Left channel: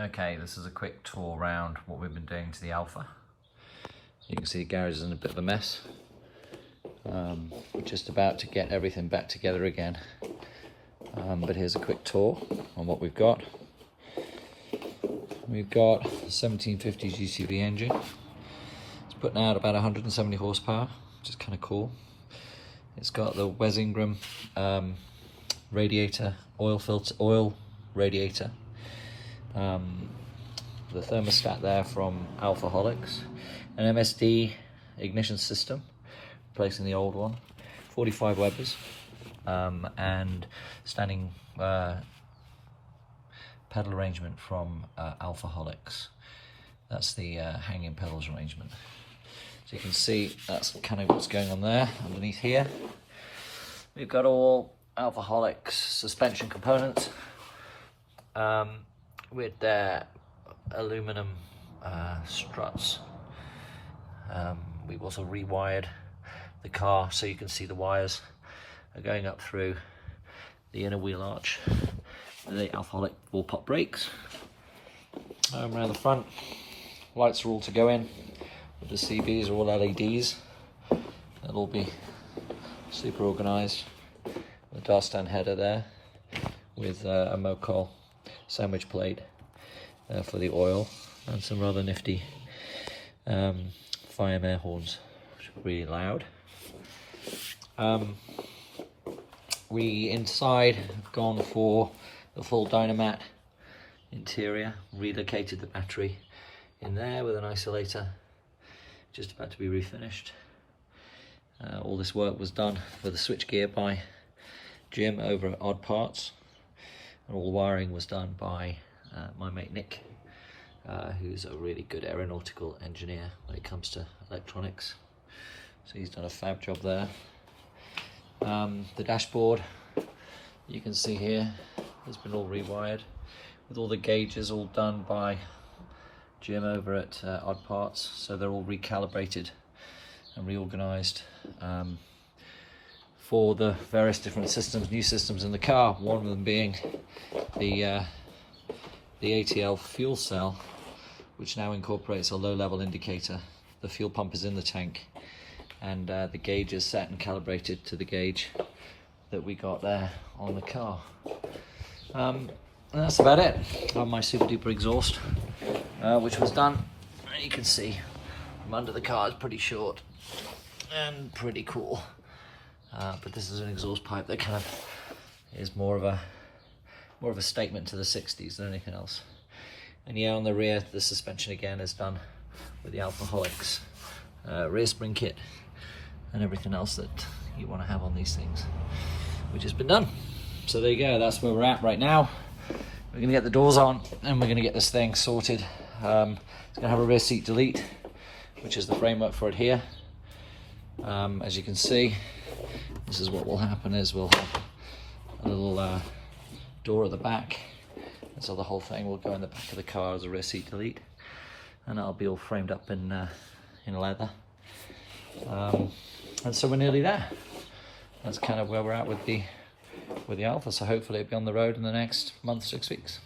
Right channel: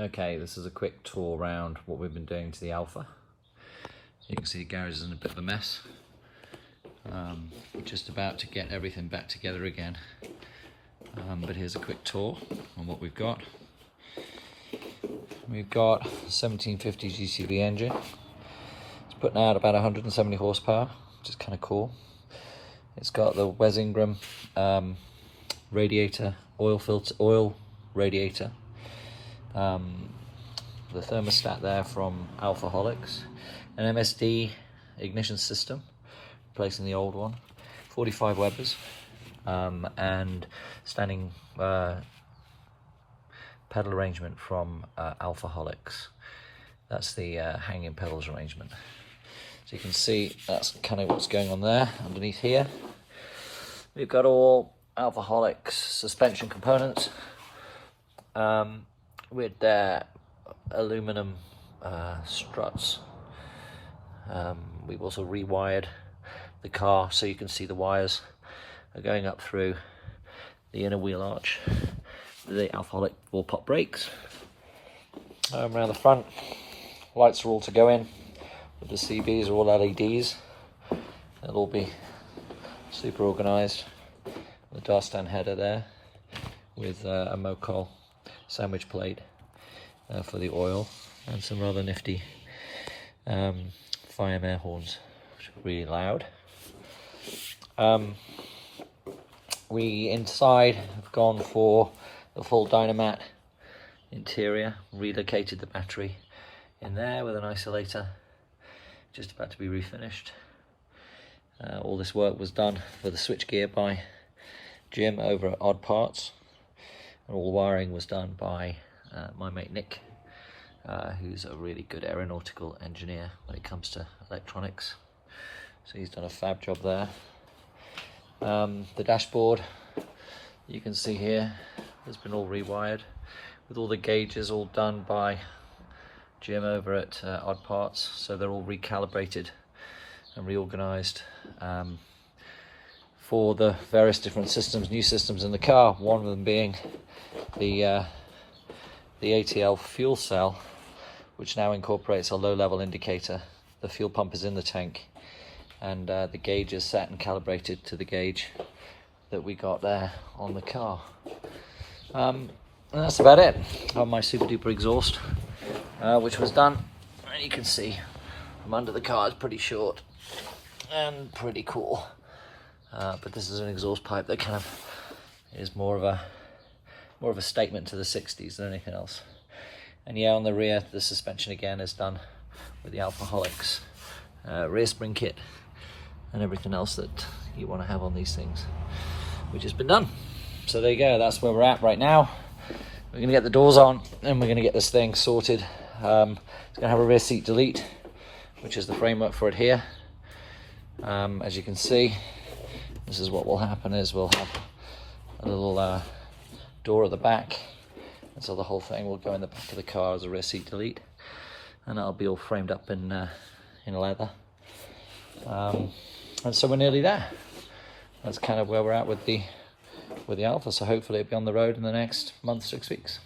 Okay, this is a quick tour around what we've been doing to the Alfa. You can see the garage is in a bit of a mess. We're just about to get everything back together again. But here's a quick tour on what we've got. We've got a 1750 GTV engine. It's putting out about 170 horsepower, which is kind of cool. It's got the Wes Ingram radiator, oil radiator. The thermostat there from Alfa, an MSD ignition system, replacing the old one, 45 Webers, and standing pedal arrangement from Alfa. That's the hanging pedals arrangement. So you can see that's kind of what's going on there. Underneath here, we've got all Alfa suspension components with their aluminum struts. We've also rewired the car so you can see the wires are going up through the inner wheel arch. The Alfa will pop brakes. Around the front, lights are all to go in. With the CBs are all LEDs. They'll all be super organised. The glass down header there with a Mocol sandwich plate for the oil, and some rather nifty fire air horns, which are really loud. We inside have gone for the full Dynamat interior, relocated the battery in there with an isolator, just about to be refinished. All this work was done with the switchgear by Jim over at Odd Parts, and all the wiring was done by my mate Nick, who's a really good aeronautical engineer when it comes to electronics. So he's done a fab job there. The dashboard, you can see here, has been all rewired with all the gauges all done by Jim over at Odd Parts, so they're all recalibrated and reorganized for the various different systems, new systems in the car. One of them being the ATL fuel cell, which now incorporates a low-level indicator. The fuel pump is in the tank, and the gauge is set and calibrated to the gauge that we got there on the car. And that's about it. Run my super duper exhaust, which was done. You can see from under the car is pretty short and pretty cool. But this is an exhaust pipe that kind of is more of a statement to the 60s than anything else. And yeah, on the rear, the suspension again is done with the Alfa rear spring kit and everything else that you want to have on these things, which has been done. So there you go, that's where we're at right now. We're going to get the doors on and we're going to get this thing sorted. It's going to have a rear seat delete, which is the framework for it here. As you can see, this is what will happen is we'll have a little door at the back, and so the whole thing will go in the back of the car as a rear seat delete, and that'll be all framed up in leather. And so we're nearly there. That's kind of where we're at with the Alfa. So hopefully it'll be on the road in the next month, 6 weeks.